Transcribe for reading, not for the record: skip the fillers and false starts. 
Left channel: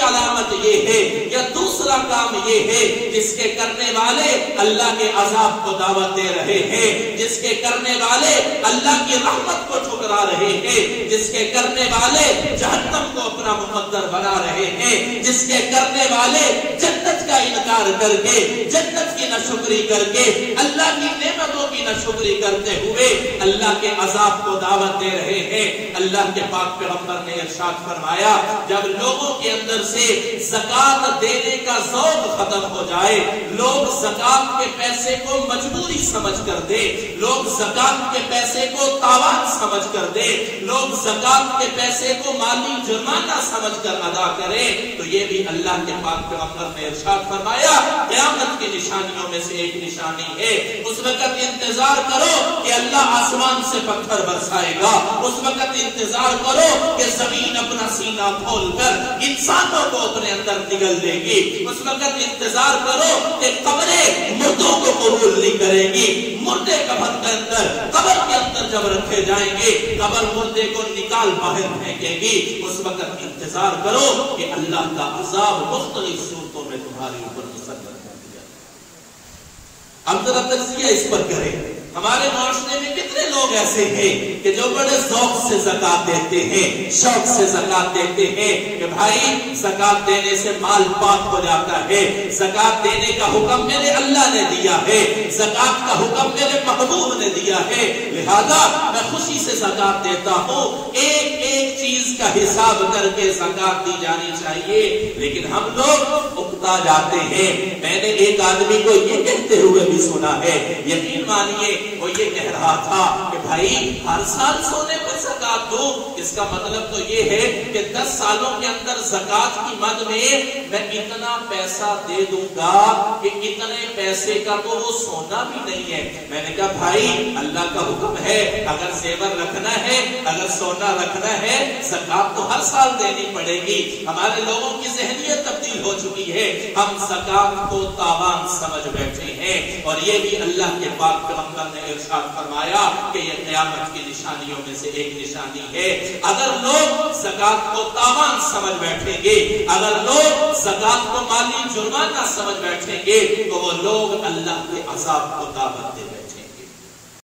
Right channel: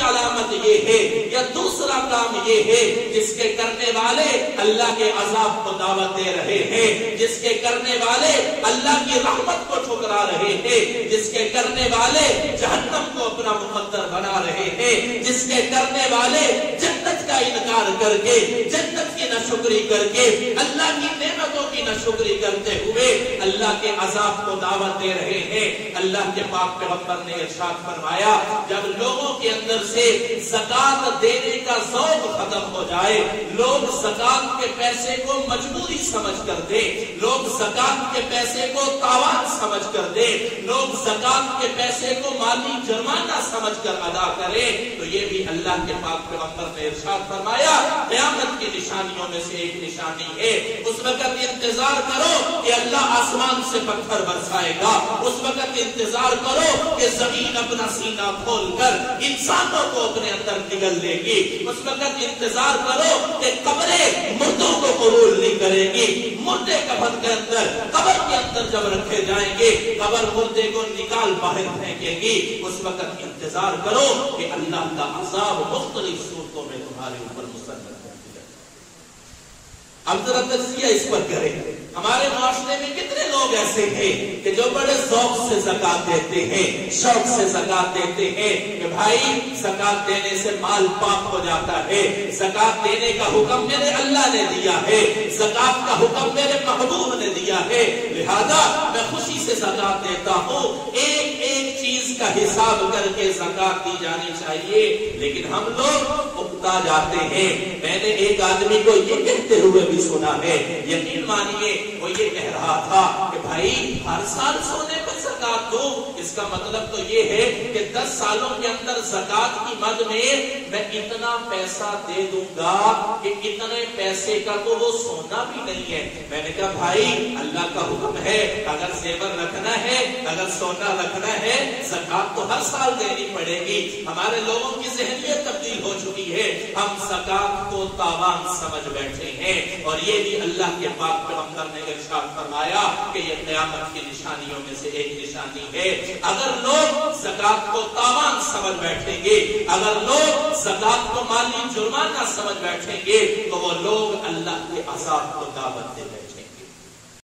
دوسری علامت یہ ہے یا دوسرا کام یہ ہے جس کے کرنے والے اللہ کے عذاب کو دعوت دے رہے ہیں، جس کے کرنے والے اللہ کی رحمت کو ٹھکرا رہے ہیں، جس کے کرنے والے جہنم کو اپنا مقدر بنا رہے ہیں، جس کے کرنے والے جنت کا انکار کر کے، جنت کی ناشکری کر کے، اللہ کی نعمتوں کی ناشکری کرتے ہوئے اللہ کے عذاب کو دعوت دے رہے ہیں۔ اللہ کے پاک پیغمبر نے ارشاد فرمایا جب لوگوں کے اندر سے زکات دینے کا ذوق ختم ہو جائے، لوگ زکات کے پیسے کو مجبوری سمجھ کر دے، لوگ زکات کے پیسے کو تاوان سمجھ کر دے، لوگ زکات کے پیسے کو مالی جرمانہ سمجھ کر ادا کرے، تو یہ بھی اللہ کے پاک پیغمبر نے ارشاد فرمایا قیامت کی نشانیوں میں سے ایک نشانی ہے۔ اس وقت انتظار کرو کہ اللہ آسمان سے پتھر برسائے گا، اس وقت انتظار کرو کہ زمین اپنا سینہ کھول کر انسانوں کو اپنے اندر نگل لے گی، اس وقت انتظار کرو کہ قبریں مردوں کو قبول نہیں کرے گی، مردے قبر کے اندر جب رکھے جائیں گے قبر مردے کو نکال باہر پھینکے گی، اس وقت انتظار کرو کہ اللہ کا عذاب مختلف صورتوں میں تمہارے اوپر مسلط کر دیا۔ اب ذرا تجزیہ اس پر کریں، ہمارے معاشرے میں کتنے لوگ ایسے ہیں کہ جو بڑے ذوق سے زکات دیتے ہیں، شوق سے زکات دیتے ہیں کہ بھائی زکات دینے سے مال پاک ہو جاتا ہے، زکات دینے کا حکم میرے اللہ نے دیا ہے، زکات کا حکم میرے محبوب نے دیا ہے، لہذا میں خوشی سے زکات دیتا ہوں، ایک ایک چیز کا حساب کر کے زکات دی جانی چاہیے۔ لیکن ہم لوگ اکتا جاتے ہیں۔ میں نے ایک آدمی کو یہ کہتے ہوئے بھی سنا ہے، یقین مانیے وہ یہ کہہ رہا تھا کہ بھائی ہر سال سونے پر زکات دو، اس کا مطلب تو یہ ہے کہ 10 سالوں کے اندر زکات کی مد میں اتنا پیسہ دے دوں گا کہ اتنے پیسے کا تو وہ سونا بھی نہیں ہے۔ میں نے کہا بھائی اللہ کا حکم ہے، اگر زیور رکھنا ہے، اگر سونا رکھنا ہے، زکات تو ہر سال دینی پڑے گی۔ ہمارے لوگوں کی ذہنیت تبدیل ہو چکی ہے، ہم زکات کو تاوان سمجھ بیٹھے ہیں، اور یہ بھی اللہ کے پاک پیغمبر نے ارشاد فرمایا کہ یہ قیامت کی نشانیوں میں سے ایک نشانی ہے۔ اگر لوگ زکات کو تاوان سمجھ بیٹھیں گے، اگر لوگ زکات کو مالی جرمانہ سمجھ بیٹھیں گے، تو وہ لوگ اللہ کے عذاب کو دعوت دے گئے۔